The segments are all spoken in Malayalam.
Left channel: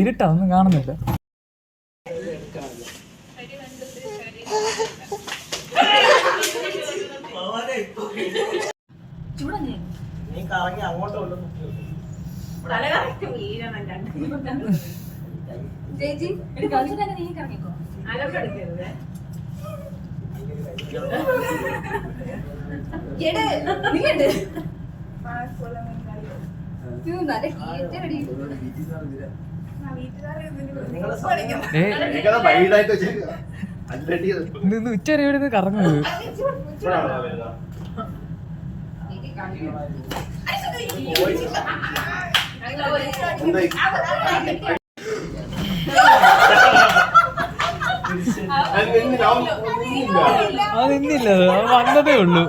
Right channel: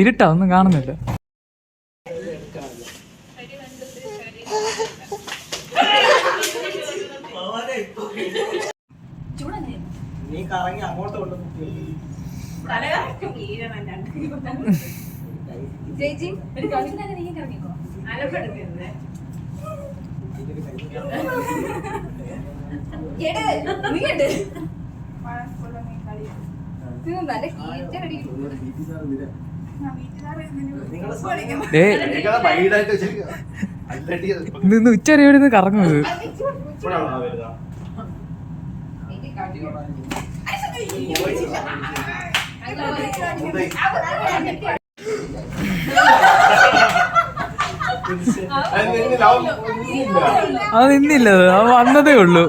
ഇരുട്ടാ ഒന്നും കാണുന്നില്ല? നീ കറങ്ങി അങ്ങോട്ട് കൊണ്ട് തല കറക്റ്റ് വീഴണം രണ്ട്. ചേച്ചി ഒരു കളിച്ചിട്ടൊക്കെ നീ കറങ്ങിക്കോ അലമ്പെടുക്കരുത്. എടേ, നീയുണ്ട്. ഇത് നല്ല അത് നിന്നില്ല. അത് വന്നതേ ഉള്ളൂ.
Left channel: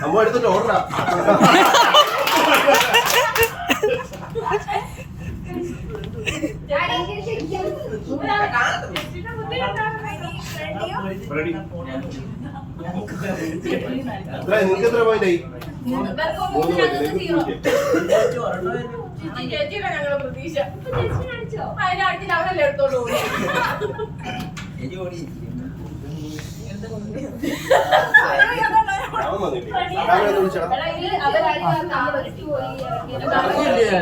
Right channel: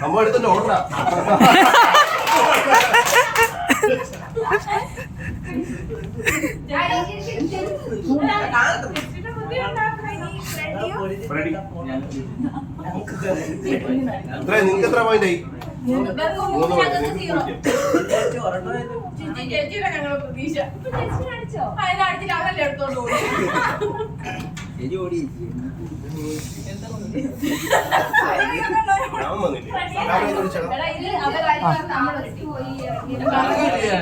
സംഭവം എടുത്തിട്ട് ഓർഡറാ? റെഡി എത്ര? നിങ്ങൾക്ക് എത്ര പോയിന്റ് ആയി? മൂന്ന് പോയിട്ട് പോയിന്റ് ചേച്ചിയുടെ ഞങ്ങളുടെ പ്രതീക്ഷ. അവരല്ലേ എടുത്തോണ്ട്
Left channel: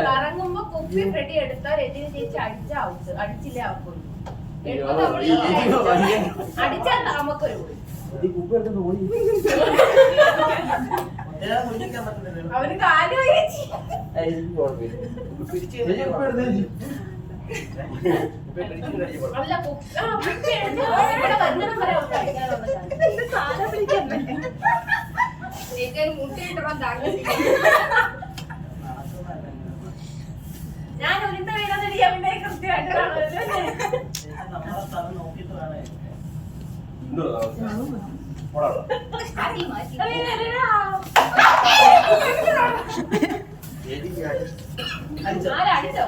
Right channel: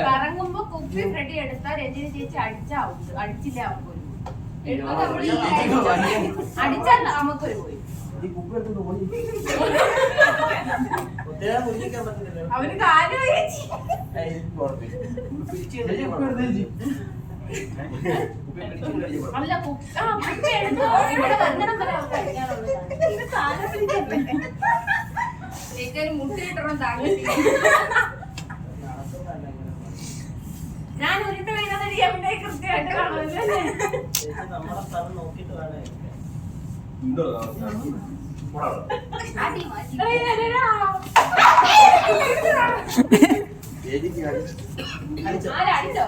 കറങ്ങുമ്പോ കുപ്പി ഫ്രെഡി എടുത്താ രജനി ചേച്ചി അടിച്ച ഔട്ട്. അടിച്ചില്ലേ അവർക്ക് അടിച്ചാൽ നമുക്കൊരു പോയി. അവന് ചേച്ചി അല്ല കുപ്പി ആ കുപ്പി എടുത്തോ? ഇവിടെ വരുന്നിടം വരെ അവർക്ക് അടിക്കാനുള്ളതാണ് സാധനം. പിടിക്കണ്ടേ ചേച്ചി ഒരു മുട്ട കിട്ടണം താങ്കൾക്ക് ഞാൻ ഉരുട്ട് കഴിഞ്ഞാൽ എവിടെ കൃത്യമായിട്ട് കാണുമല്ലേ എന്തോടാ പോടാ മാറ്റി മാറ്റി ആരടിച്ചോ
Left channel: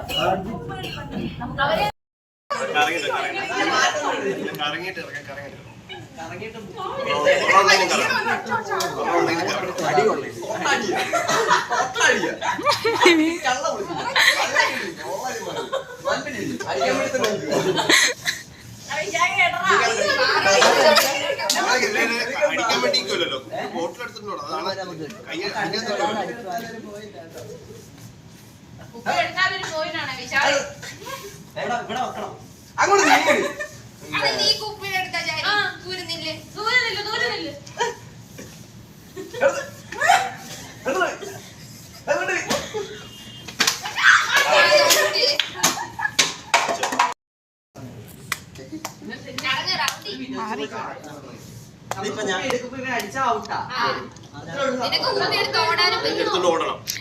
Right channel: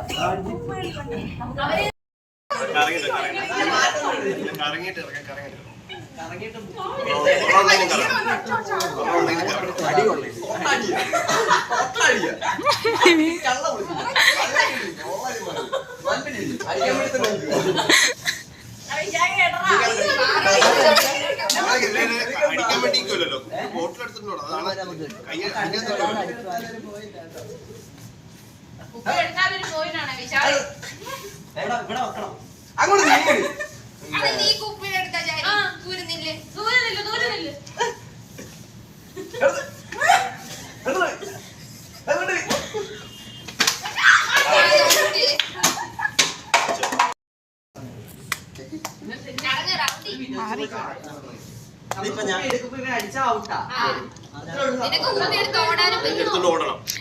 ഇറങ്ങി കറങ്ങിട്ട് കറങ്ങിട്ട് കറങ്ങിട്ട് അടിക്കാൻ വേണ്ടിക്കല്ലോ ബോട്ടിൽ എടുത്തിട്ടുണ്ടോ? അതാണ് കൈ അങ്ങോട്ട് നീ കുപ്പി എടുത്താ ദൂരുന്നില്ലേ ദൂരുന്നില്ല ദൂരുന്നില്ല എടുത്ത്.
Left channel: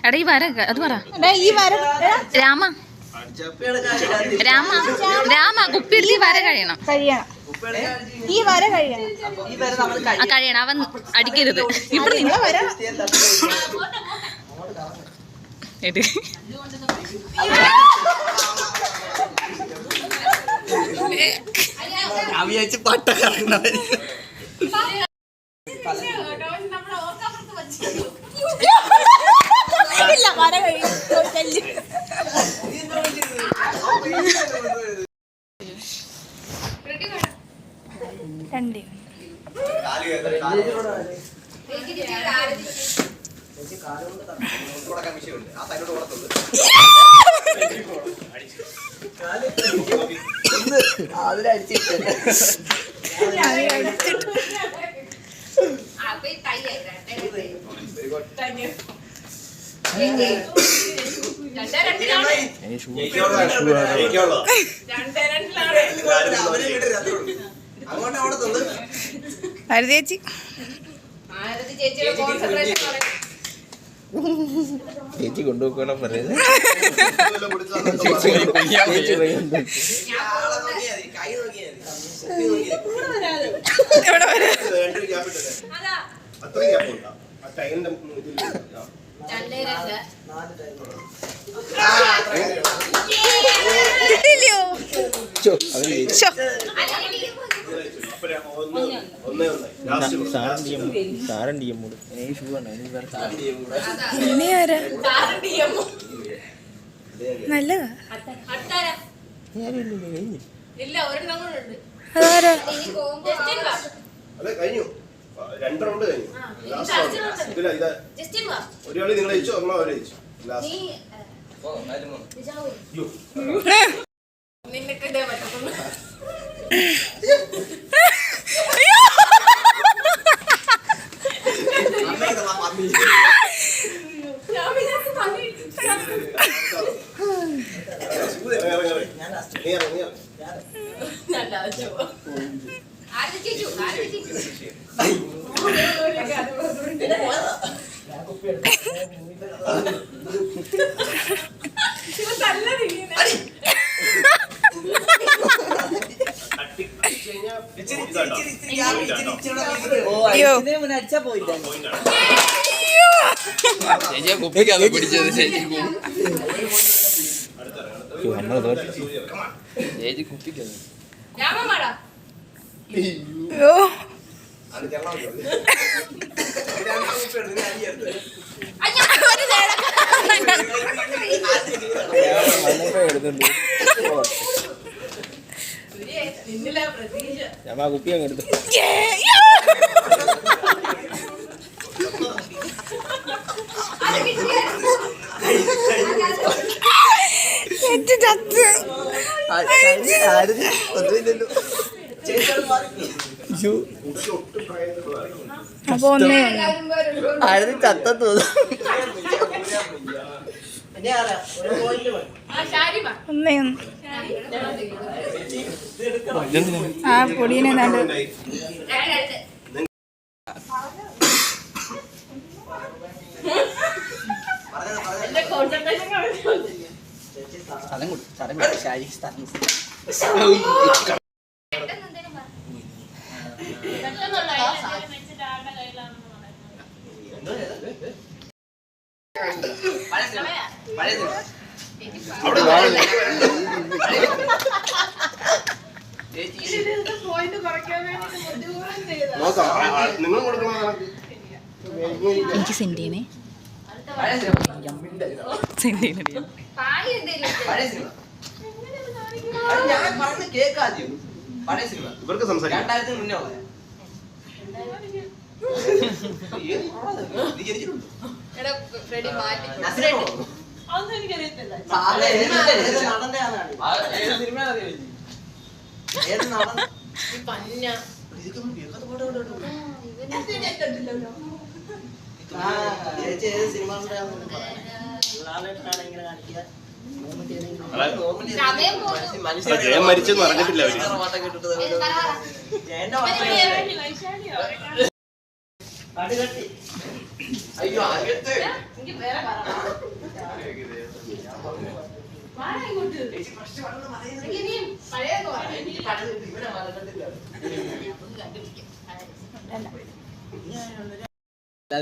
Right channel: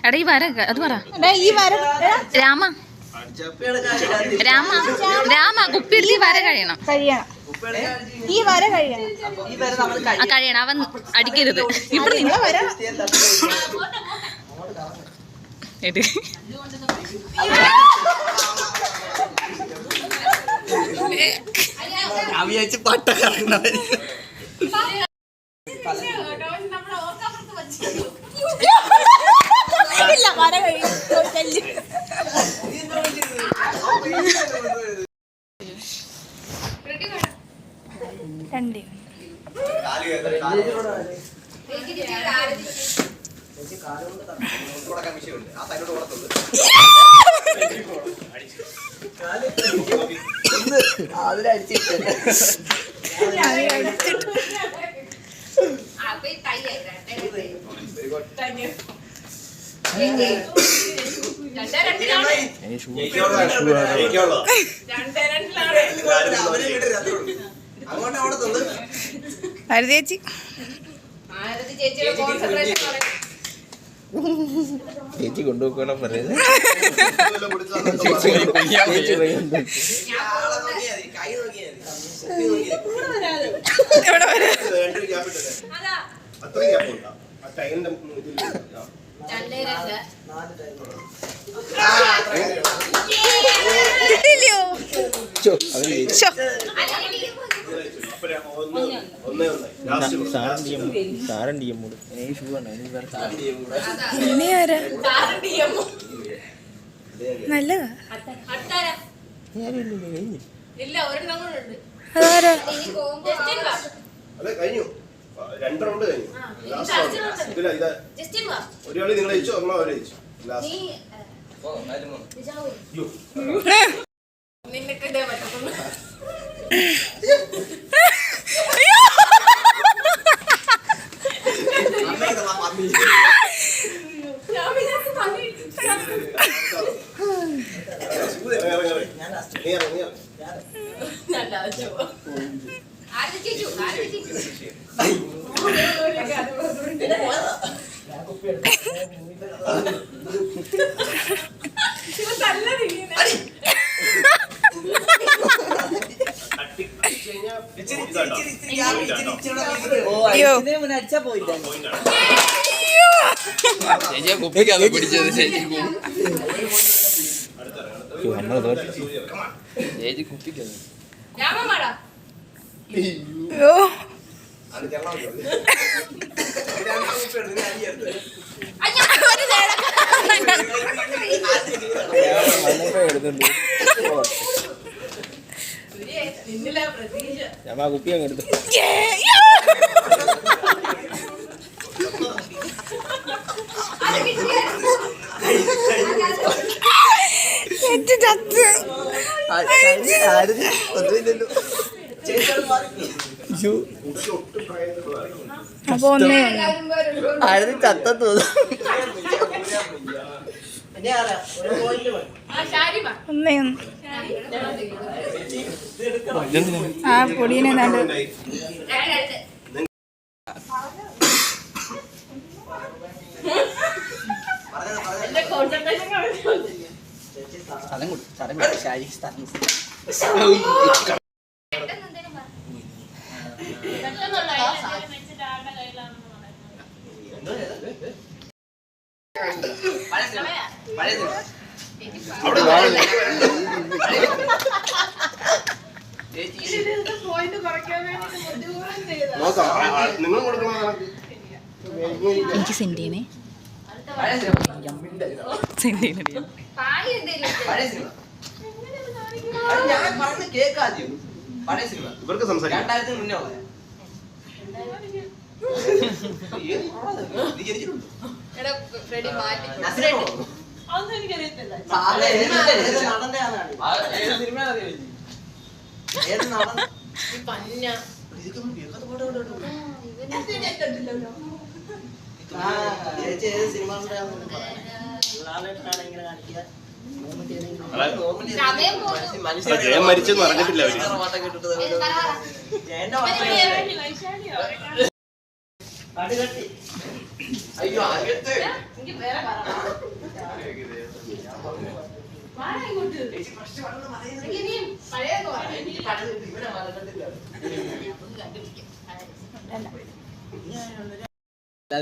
എടാ ഈ വര അത് പറ. രാമ. അടിച്ചാ രാമ. രാമ കുപ്പിയെടുത്ത് ഈ വര കഴിയണം. കഴിയണം. ഈ വര കഴിയണം. ഈ വരെ നമ്മൾ ആ കഴിയണം. അവൻ അടിക്കരുത്. ഇവിടെ വര എട്. ഞാൻ വിചാരിച്ച് പട്ട കറങ്ങുന്നതായിരിക്കും നമ്മളെ ചേച്ചി? ചേച്ചി കൊണ്ടുപോക്കണം പറയുന്നത്? കിട്ടില്ലയോ സാരൻ ഡി എം കൂടെ ഷൂ നല്ലതാ. അതാരാ അതെ കഴിഞ്ഞു രണ്ട് റൗണ്ട് കഴിഞ്ഞു ലാസ്റ്റ് ഇല്ല ഇത് ഒരു കളി നിങ്ങൾ ജയിച്ചു ഒരെണ്ണം അവരെ ജയിച്ചു ലാസ്റ്റ് നിനക്കിടെ പറ്റത്തുള്ളൂ. ചേച്ചിയെ കുപ്പിക്കാണ് പിടിച്ചത് ചേച്ചി നമ്മൾ ചേച്ചി കുപ്പിക്കാണ് അയ്യോ. അത് ചെല്ലാൻ ഞാൻ ആ കുപ്പി അങ്ങ് എടുത്തു അപ്പൊ ഒന്നേ ആരും ചത്ത തോന്നുന്നു. ആ പൊടിയിനെ കണ്ട് സ്ഥലം കൊടുത്തു സ്ഥലം കൊടുക്കും ശാരി സ്ഥലം എനിക്ക് സെൻഡ് ചെയ്യണേ സെൻഡ് ചെയ്യണേ ഞാൻ ഇവർക്ക് സംസാരിക്കാം. മുന്നേ എടാ മാറ്റി. അതൊന്നും എനിക്കറിയത്തില്ല പന്ന. മരിച്ചെന്ന് അറിഞ്ഞിട്ടില്ല അവർ. ജയന്റെ അയ്യോ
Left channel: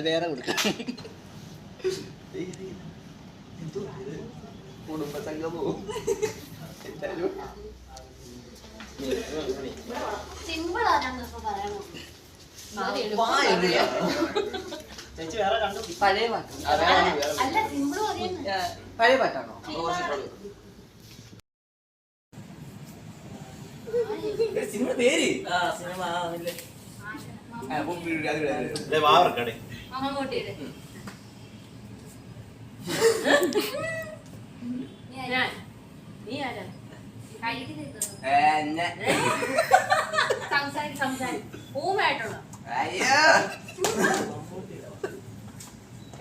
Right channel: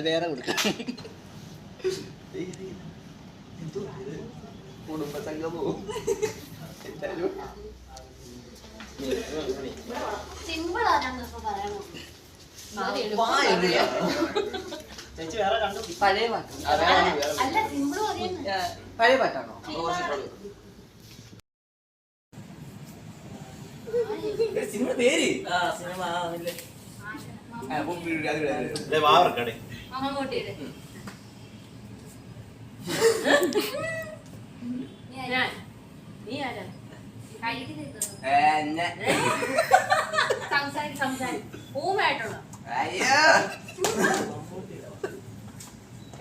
വേറെ കൊടുക്കാം. സിമ്പിളാ ഞാൻ പറയണോ ചേച്ചി വേറെ കണ്ടു പഴയ പഴയ പാട്ടാണോ? സിനിമ പേര്? സിനിമ നീ ആരാ?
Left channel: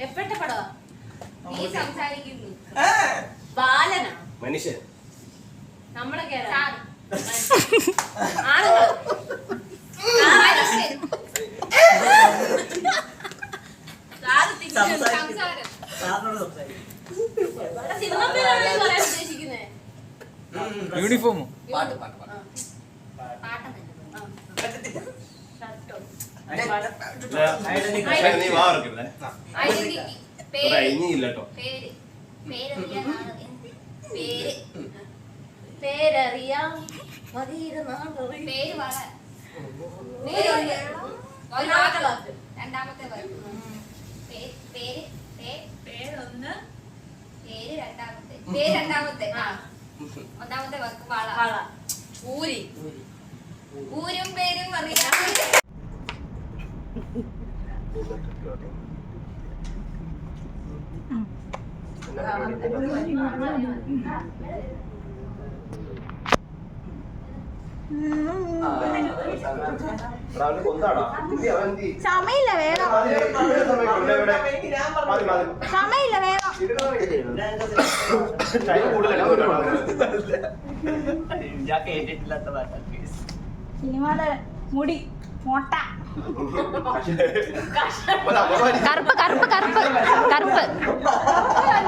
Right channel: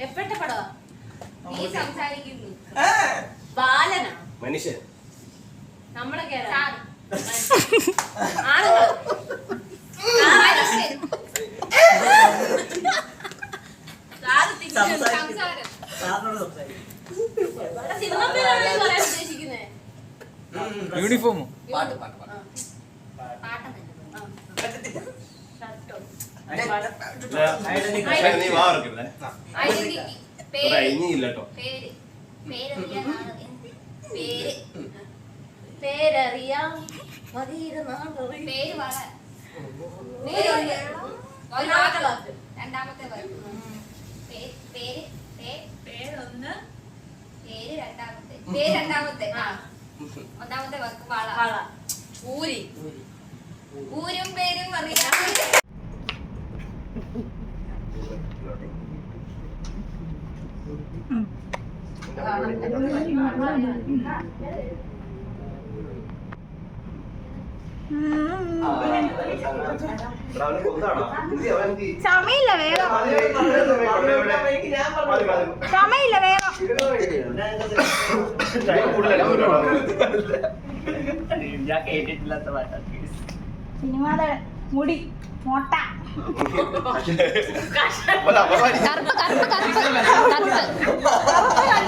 എപ്പോഴത്തെ പടവാ? നീ സംസാരിക്കുന്നു. ബാലന? മനുഷ്യൻ. നമ്മളെ യൂണിഫോമോ? പാട്ട് പാട്ട് പാട്ട്. പാട്ട് ഇനിയില്ലട്ടോ രണ്ടാമത്തെ പേര് പേര് രണ്ടാമത്തെ പേര് രണ്ടാമത്തെ ഒന്നാമത്തെ വാള ഊരി ഊരും പേരും അറിയാം സമയില്ല വേഗം. സമയില്ല വേഗം. സിനിമയുടെ മുടി മൊട്ട. കറുപ്പ് കറുപ്പ് കറുപ്പ്. കറുപ്പ്.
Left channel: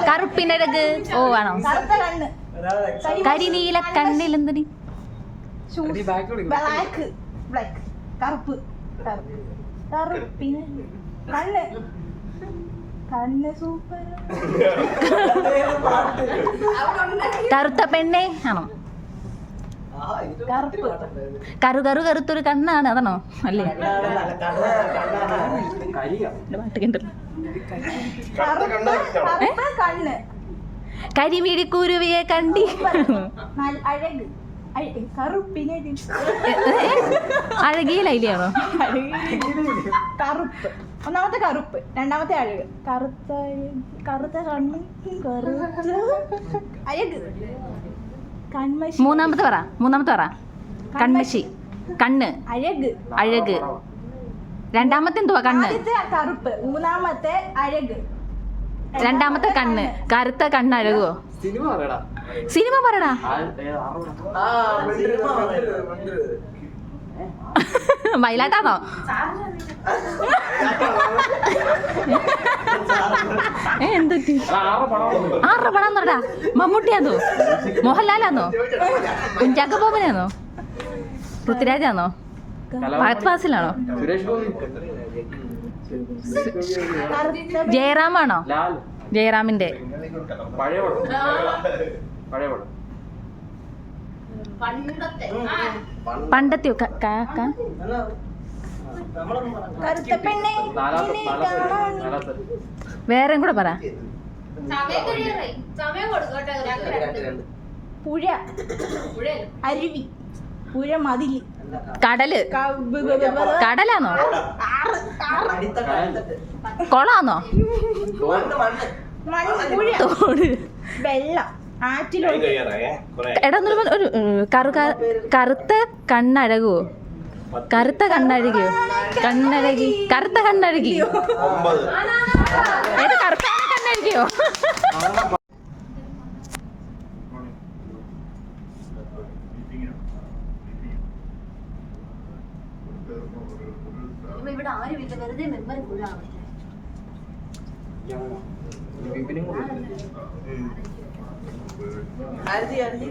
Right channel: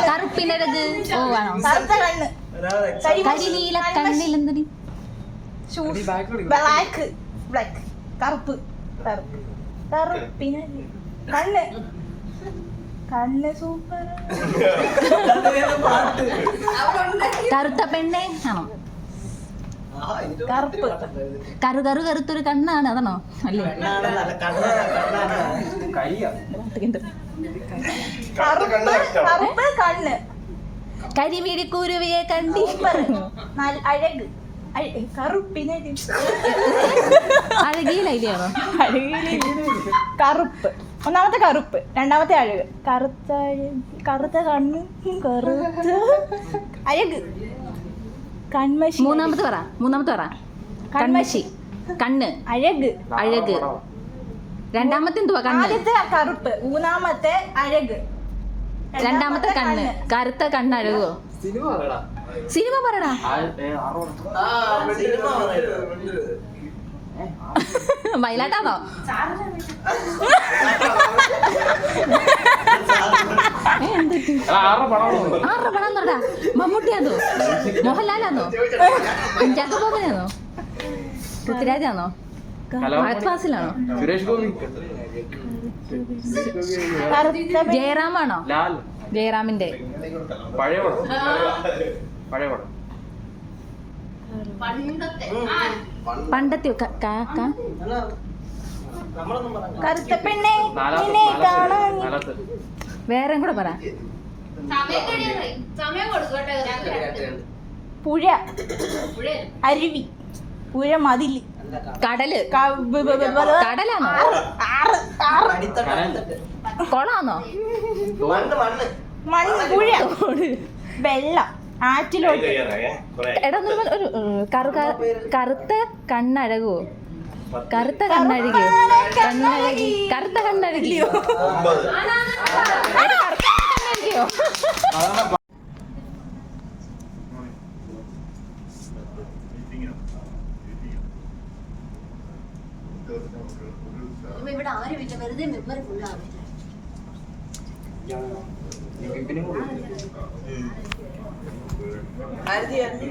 കറുപ്പിനഴക് ഓ ആണോ? കരിനീല കണ്ണിൽ കണ്ണിലെന്തിന് ബ്ലാക്ക് ബ്ലാക്ക് കറുപ്പ്. കറുപ്പിന് കണ്ണ്. കണ്ണ് സൂപ്പർ കറുത്ത പെണ്ണേ. ആണോ? കറുപ്പ് കറു കറു കറുത്തൊരു കണ്ണാണ് അതാണോ? അല്ലേ? കണ്ണ്. കരിമിഴിക്കുരുവിയെ കണ്ടി. അഴകിയിലോ അഴക് കറുപ്പ്. ഒന്നാമത്തെ കറുപ്പ് രണ്ടാമത്തെ അഴക്. കറുത്ത കറുത്ത കണ്ണ് കറുത്ത അഴക്. കൺമശി മൂന്നാമത്തെ പറ മൂന്നാമത്തെ പറ. കൺമശി കണ്ണ്. അഴക്. അഴക്. രണ്ടാമത്തെ എന്തുവാ കണ്ണ്? ആദ്യത്തെ കറുപ്പ് മൂന്നാമത്തെ അഴക്. രണ്ടാമത്തെ കണ്ണ്. കറുത്ത കണ്ണ് അഴകുവോ? സിനിമ പറടാ വയലാട്ടാണോ ഏ എന്ത് ആരുടെ പടം പറടാ മമ്മൂട്ടിയാന്നോ? മോഹൻലാലാന്നോ? ജഗബോബനാന്നോ? ബോബനാന്നോ പൃഥ്വിരാജാന്നോ കറുത്ത ജയറാമാണോ? ജയറാമിന്റെ. പണ്ടത്തെ. പണ്ടത്തെ ക- ക- ക- നമ്മളൊന്നും പറഞ്ഞു കറുത്ത പെണ്ണെ നാലാമത്തെ നിന്നെ നാലാമത്തെ നാലാമത്തെ വേറെയും കൂടെ പറ. പുഴ. അരുവി. പുഴ മതിൽ. കടൽ. കടലാണോ? തോട്. വെള്ളം ആറ്റിലോട്ട്. എടാ ഒരു- ഒരു കറു കറുത്ത കണ്ണഴകുവോ കറുത്ത കണ്ണഴകിയോ കണ്ണഴകി. കറുത്ത കണ്ണഴകിയോ? കറുത്ത കണ്ണഴകിയോ ഇവിടെ ആരും ഇല്ല വെറുതെ മെമ്മറി ഫുള്ളാണ് ആയിരത്തി അഞ്ച്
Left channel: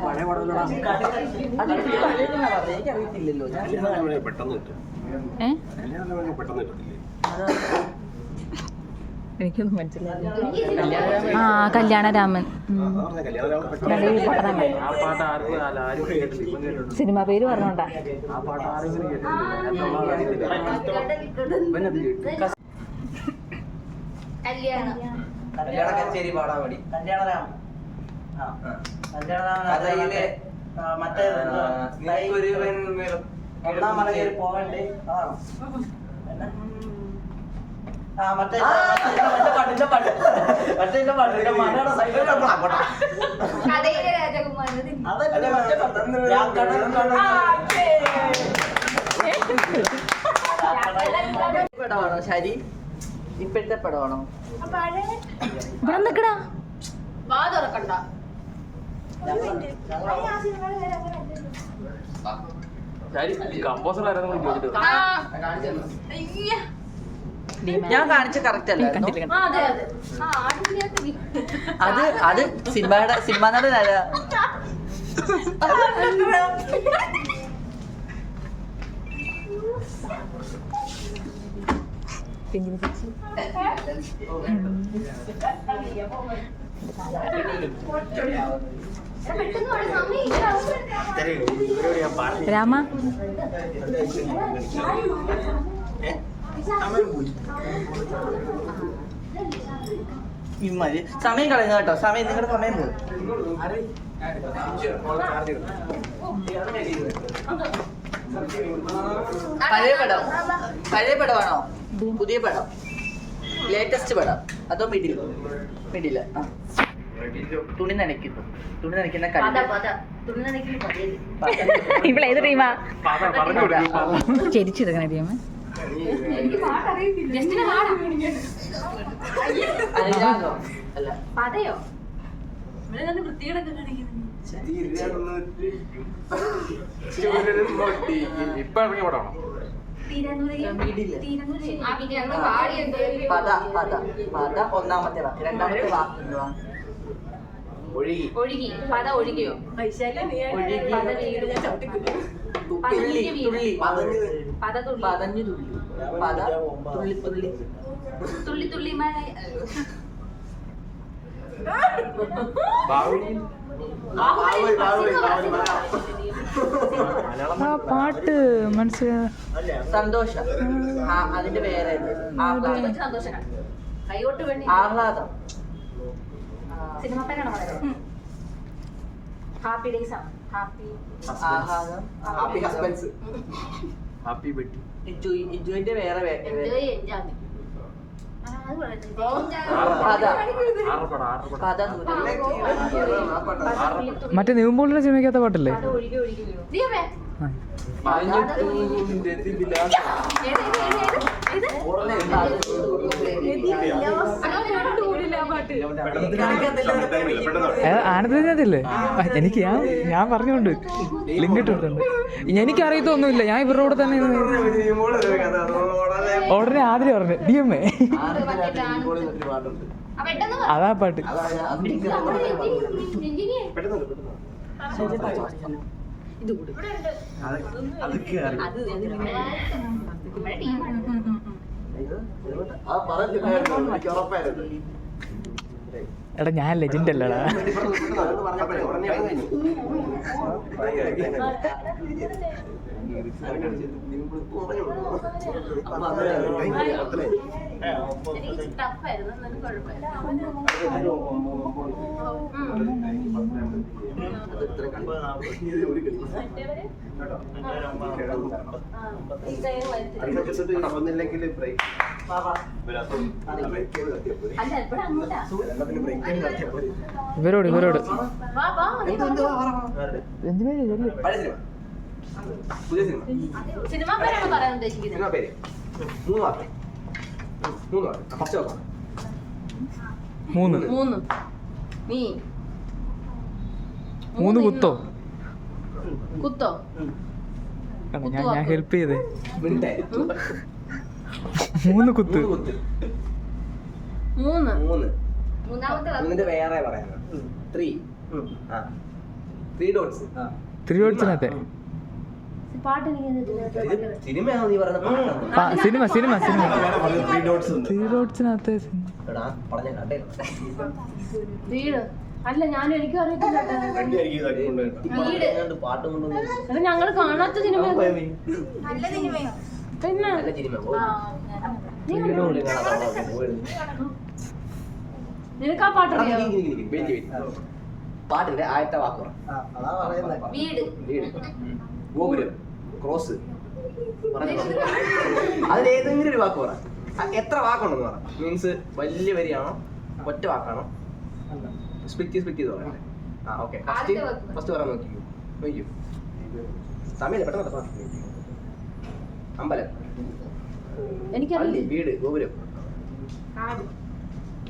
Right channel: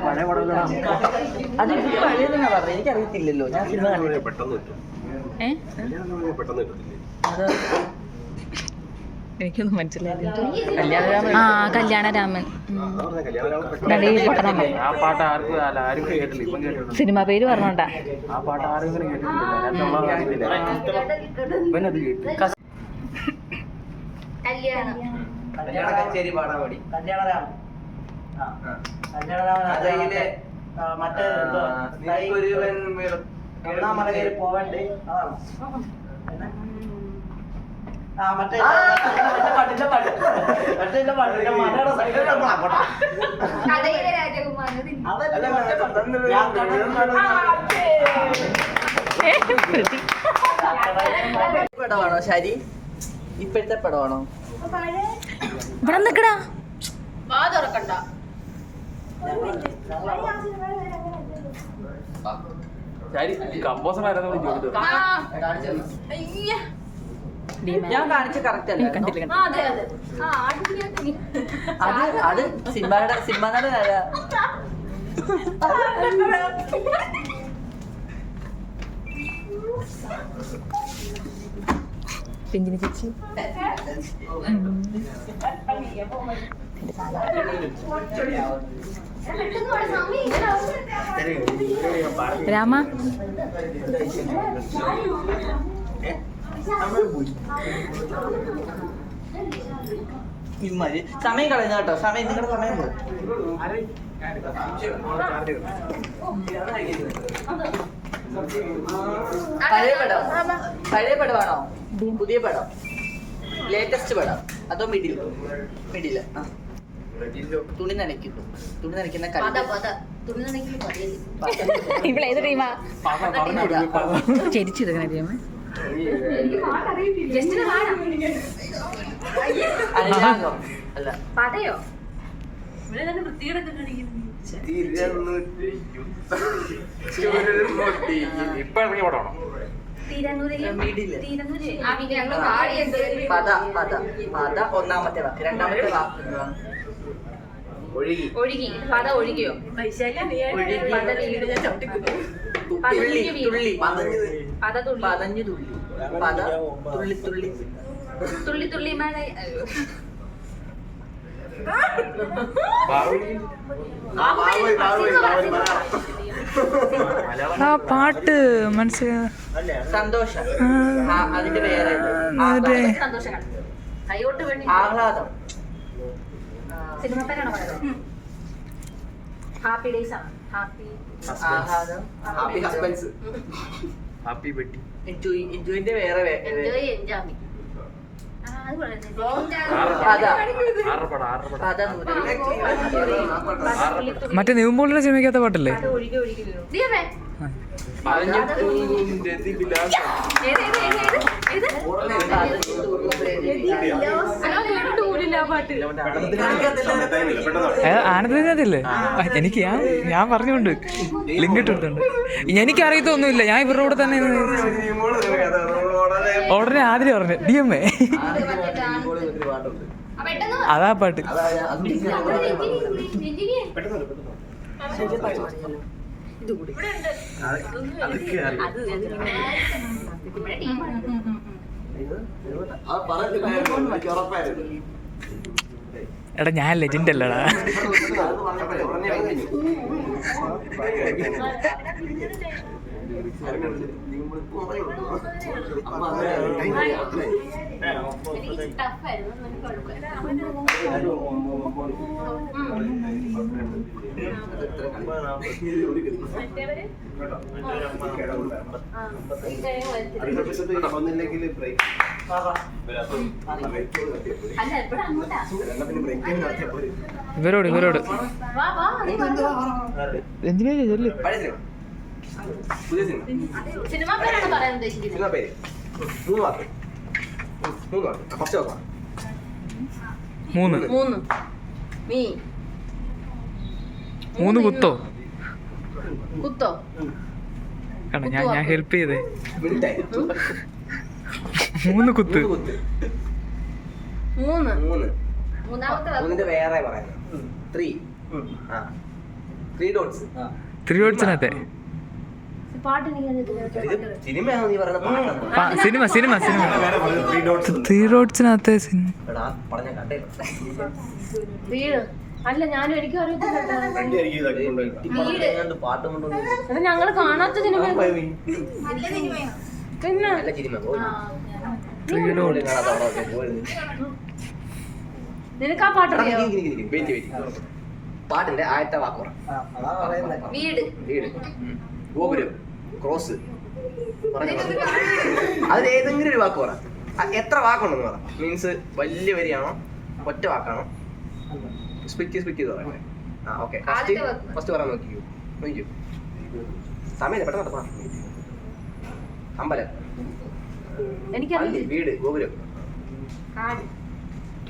പഴയ പടം എനിക്കറിയത്തില്ലല്ലോ. ഞാൻ സിനിമ എനിക്കൊന്നും മനസ്സിലായില്ല. ആ കല്യാണരാമൻ. സിനിമ പേര് പറഞ്ഞോണ്ടാ. കല്യാണം. കച്ചേരി പാടാൻ വേണ്ടി. കല്യാണരാമൻ. കല്യാണരാമൻ മറ്റേ പോവണ്ടേ? ആ. മറ്റേ മറ്റേ പട്ടിന്റെ പാട്ട് മറ്റേ പാട്ടിന്റെ മലയുടെ സൈഡിലോട്ട് അങ്ങോട്ടാ. കഥയിലെ രാജകുമാരൻ അതല്ലേ മറ്റേ പാട്ട് ഞാൻ കടൽ പടമാണോ ശരി? ഇപ്പോഴത്തെ പടമാണോ? ഇവിടെ നിക്കടാ. വാ തുറക്കണ്ട. കമ്പോസർ ആരെന്ന് ചോദിച്ചിട്ട്. ഞാൻ കാണിച്ച കറക്റ്റ് അല്ലേ? കണ്ടില്ല ആ, അതെ അതെ. ആ അടിപൊളിയായിട്ട് അത് അത് സിനിമയുടെ സിനിമ നടനല്ല പിഞ്ചിന് ചേച്ചി. രാമ? ഇമ്മാതിരി സമയം കളയുന്ന കേട്ടോ. സമയം നിങ്ങളുടെ സമയം പോകും പഴയ പടം. പഴയ പടമാണോ? പുതിയ പടം. ലേറ്റസ്റ്റ് പടം. അതോ മിഡിൽ മിഡിൽ ആ. തുണി നനയ്ക്കുന്നു തുണി നനയ്ക്കുന്ന ഇവിടെ ഏത് ടീമാ? അല്ല. പതയോ ഇവിടെ നല്ല വൃത്തികേടൊക്കെ കാണിക്കുന്നു. ഇപ്പൊ ഇറങ്ങി പടമാണോ പദ പദ പദ ഒന്നാമത്തെ വാക്ക്. രണ്ടാമത്തെ വാക്ക് ഒഴുകി. ഒഴുകി. പത ഒഴുകിയോ? തുള്ളി തുള്ളി. പത തുള്ളി. പതഞ്ഞു തുള്ളി. പദ തുള്ളി തുള്ളി. തുള്ളി തുള്ളി മഴ. ആ പാട്ട് മനസ്സിലാ സന്തോഷം. അതിന്റെ ആഹ്ലാദം. പറയുന്നത്. ഹാപ്പി ഡേയ്സ് ആണ്. ഹാപ്പി ആഹ്ലാദം. ഹാപ്പി ഹസ്ബൻഡ്സ് ഹാപ്പി ബെട്ടി എൻജോയ് എൻജോയിന്റെ വേറെ എൻജോയ് മറ്റേ നിവിമ്പോളിന്റെ സിനിമയ്ക്കകത്ത പാട്ടല്ലേ? അത് ഒഴുകി ഒഴുകി വീണു നീയേ ആ. ഏ, ആനന്ദത്തിനകത്തില്ലേ ആ, എനിക്ക് ഞാൻ ഞാൻ പറഞ്ഞുകൊണ്ട് ലിങ്ക് ഇട്ടിട്ടുണ്ട്. എനിക്ക് അറിയത്തൊന്നുമില്ല ഞാൻ ഇവരുടെ കൂടെ തന്നെ ഉടനെ ആദ്യം പറഞ്ഞു ഡി എം എ. അതാ പാട്ട്. പെട്ടെന്ന് ഉറപ്പായിരുന്നു. എടാ ഞാൻ ലെജൻഡ് അല്ലടാ. പറഞ്ഞപ്പോഴേ ഒന്നില്ലെങ്കിൽ ബ്രേക്ക് ഇവരോട് ഇവരോട്. എന്തിനാ ചെല്ല് പുതിയ സിനിമ. സിനിമ പേരാണ് പറയാൻ ഉദ്ദേശിക്കുന്നത്. സിനിമ പേര്. മൂന്ന് വാക്ക്. മൂന്ന് വാക്ക്. ഫസ്റ്റ് മൂന്ന്. മൂന്ന്. നീ മൂന്ന് കുത്തോ? കുത്തോ? കണ്ട ഞാൻ ഞാൻ ഹെൽപ്പ് ചെയ്തേ. മൂന്ന് കുത്ത്. മൂന്ന് കുത്ത്. മൂന്ന്. മൂന്നിന്റെ വേറെ പറയുന്നത്. ത്രീ ആ. ത്രീ ഡോട്ട്സ് തിരുവോടിച്ചിനകത്തെ പാട്ട് ഇത് സിനിമയാണോ നീ പറയുന്നത് ആ, സിനിമ സിനിമ സിനിമ. ത്രീ ഡോട്ട്സ് തിരുവോടിച്ചിനകത്തെ സിനിമ. അല്ല ഞാനും എനിക്ക് അറിയത്തില്ല ഞങ്ങൾ പാട്ട് കാണാത്ത സിനിമ നല്ല സിനിമയോ പിന്നെ. നിനക്ക് ആ വെയിറ്റ് പാട്ടിന്റെ ആദ്യത്തെ വാക്കുറ വീട്. വീട്. ഗോപുരം. ക്രോസ് അതിൽ ഏതെങ്കിലും ഒരു വാക്ക് പറ. എത്ര വാക്കുണ്ടെന്ന് പറ. മീൻസ് വലിയ വരിയാണോ? ഒറ്റ വാക്കാണോ? സ്പിക്ക് സ്പിക്ക് ചെയ്ത് പറയാം. ആ ഓക്കെ ഫസ്റ്റ് ഫസ്റ്റ് പറയാൻ നോക്കിക്കൂ. നോക്കിക്കൂ. സമയം പെട്ടെന്ന് പറ അമ്പലം. എനിക്ക് വീട് ഗോപുരം. കാട്.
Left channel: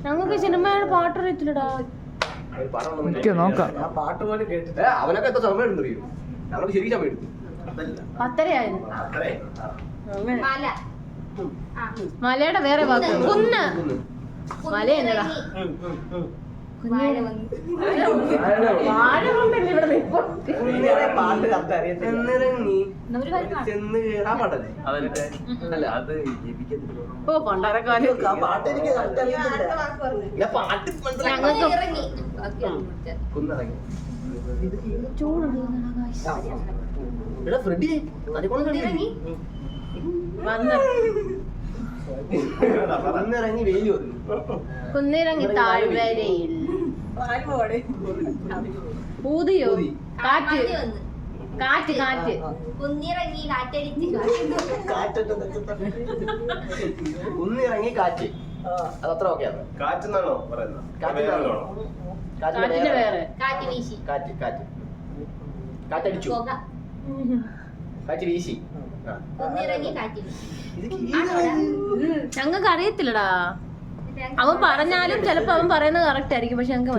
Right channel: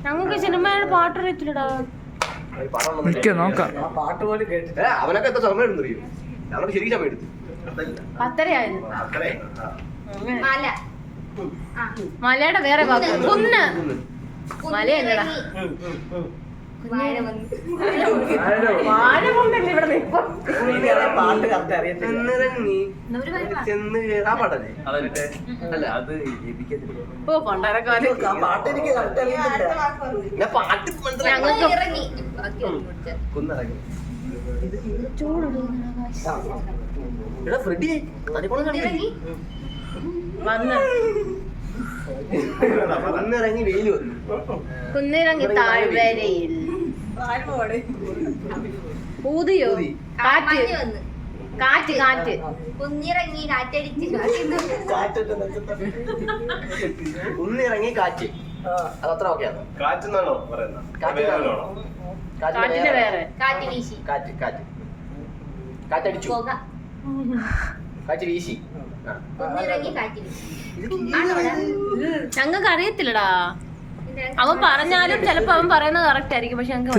ഞങ്ങൾക്ക് സിനിമയുടെ പാട്ടറിയത്തില്ലടാ പാട്ട് പോലും കേട്ടിട്ട് അവനൊക്കെ എത്ര സമയം എടുത്തു അറിയോ? ഞങ്ങൾക്ക് ശരിക്കും സമയം എടുത്തു പത്തരയായിരുന്നു. മല. മലയുടെ വേറെ കുന്ന്. ഓ പണ്ടാരക്കാലം. മനസ്സിലാക്കി. ഞങ്ങൾക്ക് എടാ ഫ്രെഡി തടിക്കുളം ഇറങ്ങി. വന്ന്. ഒന്നിറങ്ങി വെയിൽ വന്നു. ഒന്നിറങ്ങി താഴ്വരയിൽ. ഊതിയോ? ഊതി. കാറ്റ്. വന്ന്. കാറ്റ് കാറ്റ്. കുന്നിറങ്ങി കാറ്റടിച്ച്. കുന്നിറങ്ങി കാറ്റ്. അതത്ര ഓക്കെയാണ് കാറ്റെന്നാണോ പറയുന്നത്? കാറ്റിന്റെ വേറെ. കാറ്റ് വീശി. കാറ്റ് കാറ്റ്. കാറ്റടിച്ചു. പുക. കാറ്റ് വീശി ഞങ്ങൾക്ക് അറിയത്തില്ലടാ. അവൻ പറഞ്ഞാലും ചിലപ്പോ അവൻ പറയുന്നത് കറക്റ്റ് ആയിരിക്കും പക്ഷെ ഞങ്ങൾക്ക്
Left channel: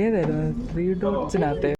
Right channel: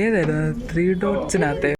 ഏതായിരുന്നു? ത്രീ ഡോട്ട്സിനകത്ത്